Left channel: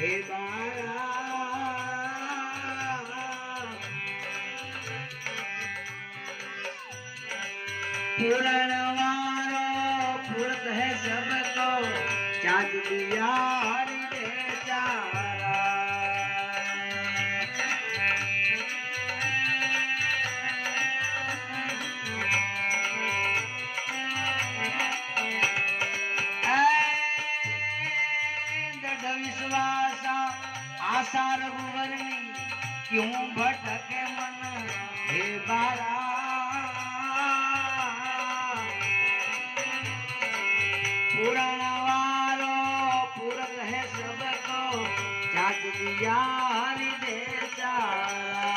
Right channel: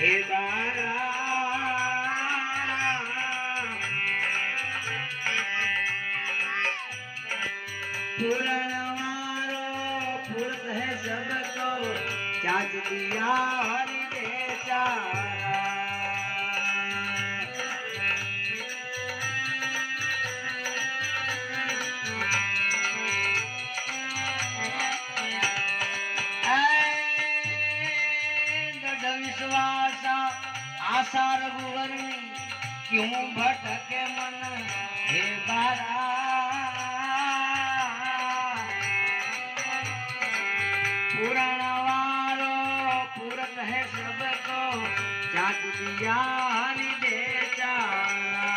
हे बारा पूरण वारो पूरत है सबको चाँद दिया हरि बेचारा विश्वास आशा रघुवरनी क्यों भटके मन हे बारा पूरण वारो पूरत है सबको चाँद दिया हरि बेचारा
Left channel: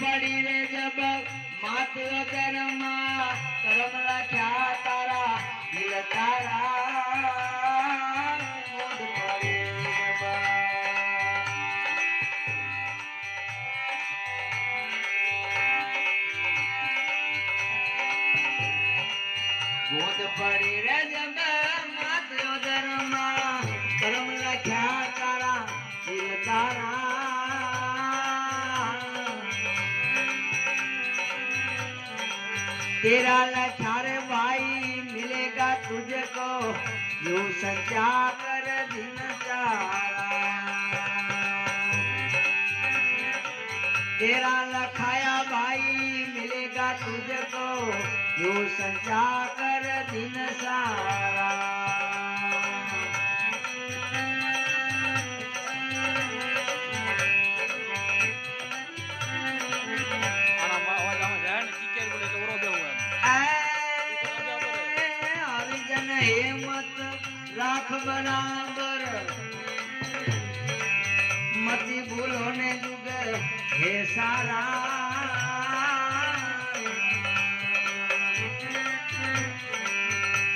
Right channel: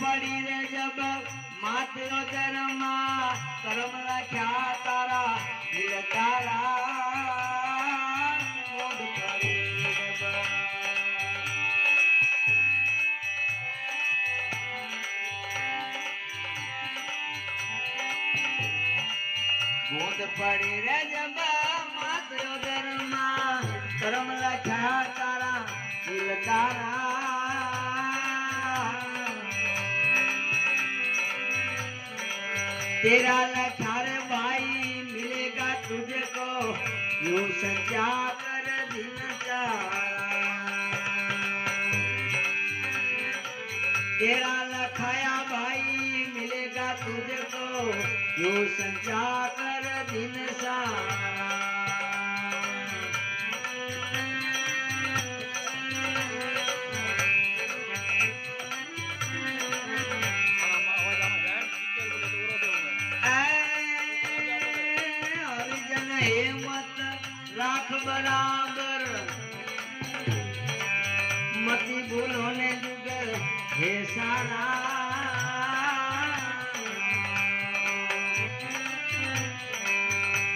पड़ी रे जब माते जन्मा कर्म रखा तारा दिल तारा बूंद पड़ी जब बूंद पड़ी रे जब माते जन्मा कर्म रखा तारा दिल तारा तेरा लखारे भाई मिलेगा तुझको यूं सच्चा कर दिन चारा तेरा लखाया भाई मिलेगा तुझको यूं सच्चा कर दिन सारा हिम्मत राख बराबर मती भूलो ने जुग हे सारा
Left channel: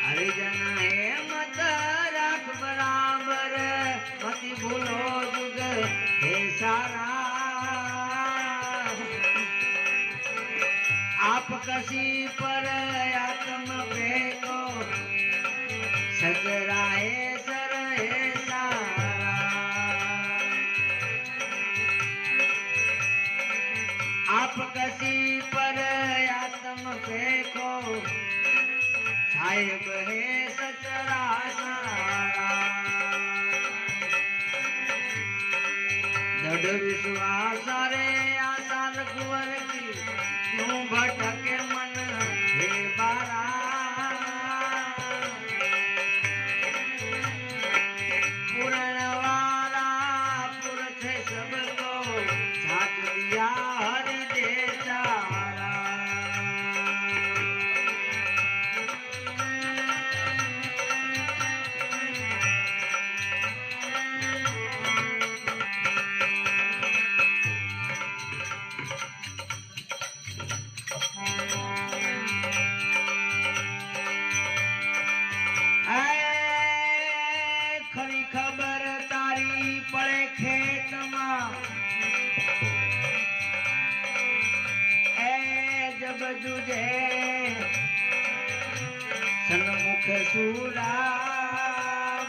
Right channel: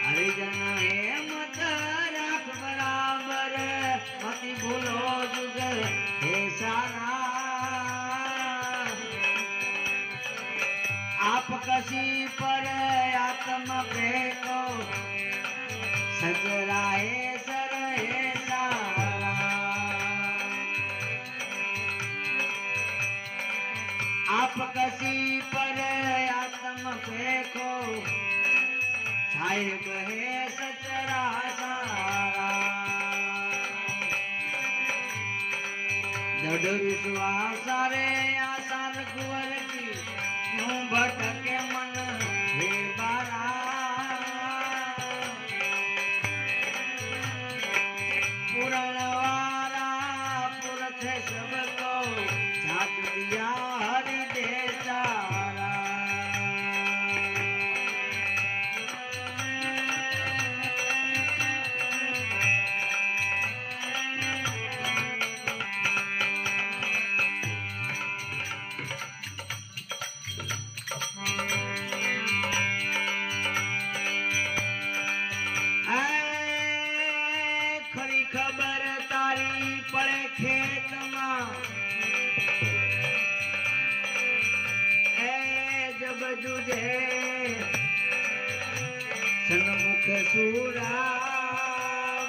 हरिजन हिम्मत राख बराबर मती भूलो जुग हे सारा आप कसी पर आत्म फेंको सजराए सर सारा आप कसी पर आत्म फेंको साहिब है सचरा सारा दृढ़ विश्वास रे आसार कुंवर की क्यों भटके मन हे बारा पूरण वाला पुरख सबको छाप दिया हरि बेचारा खरी खबर तारी पड़े खेत में जब जुझे सन्मुख सूरा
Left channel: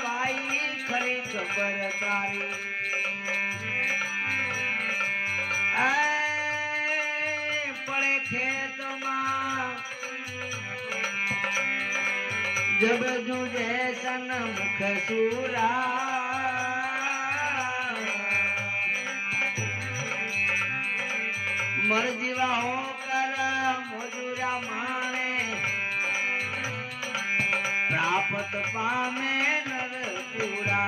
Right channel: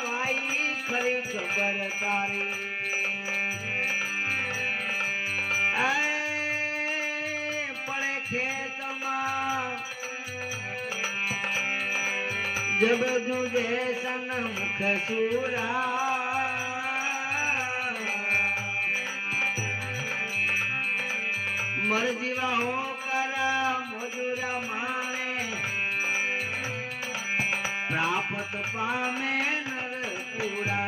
भाई खरी खबर तारी पड़े खेत में जब जुझे सन्मुख सूरा मर जीवा होकर मजूरा माने प्राप्त पामे नर पूरा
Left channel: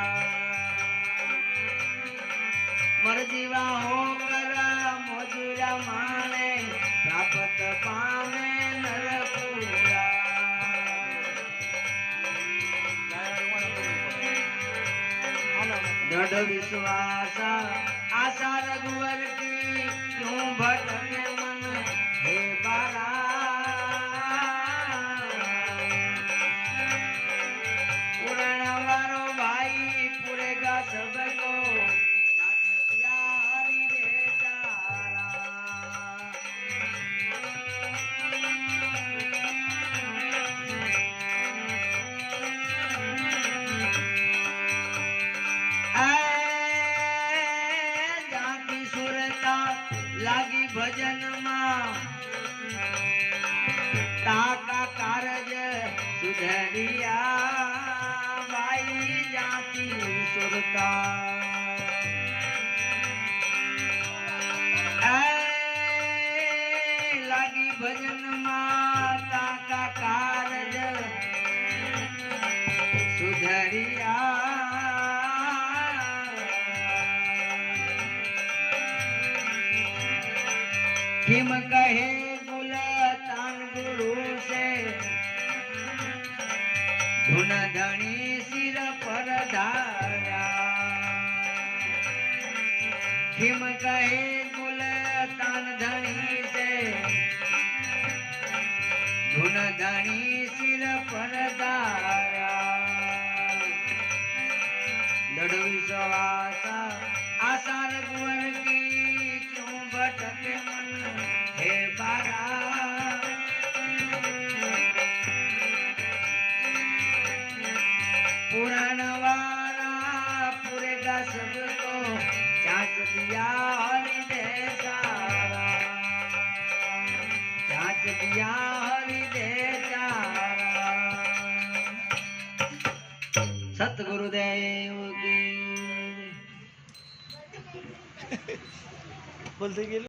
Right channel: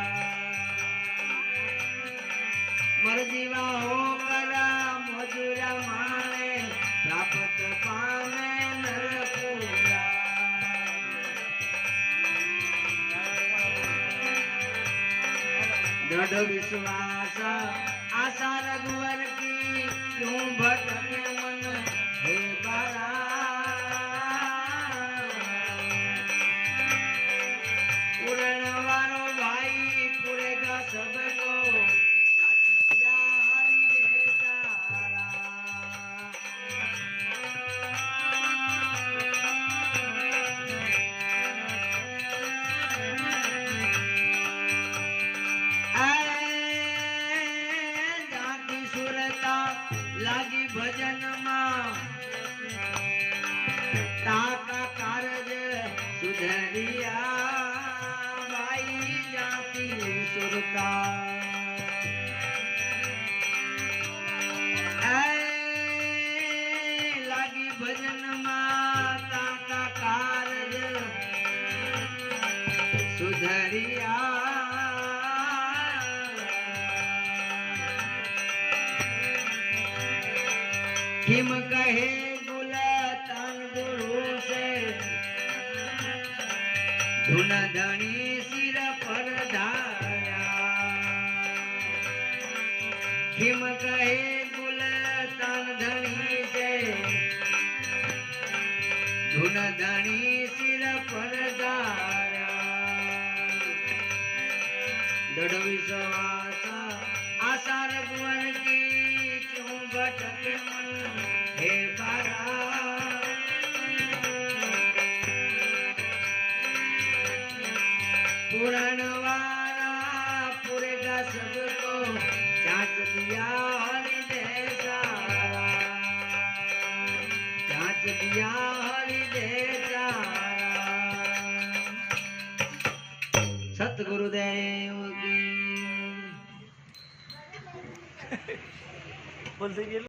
मर जीवा होकर मजूरा माने प्राप्त पामे नर पूरा दृढ़ विश्वास आशा रघुवर की क्यों भटके मन हे बारा पूरण वारो સુરતા લાગી ભજનમાં કાકા કારજ સુધરિયા किम कहे गुलतान गुरु से धुन धनी सिर पर धारा किम कहे गुलतान धनी से धुन धनी सिर पर धारा दृढ़ विश्वास आशा रघुवर की क्यों भटके मन हे बारा पुराण वाला पुरेगा सबको चाच दिया हृदय सारा चाच दिया हृदय सारा सतगुरुदेव की बोलते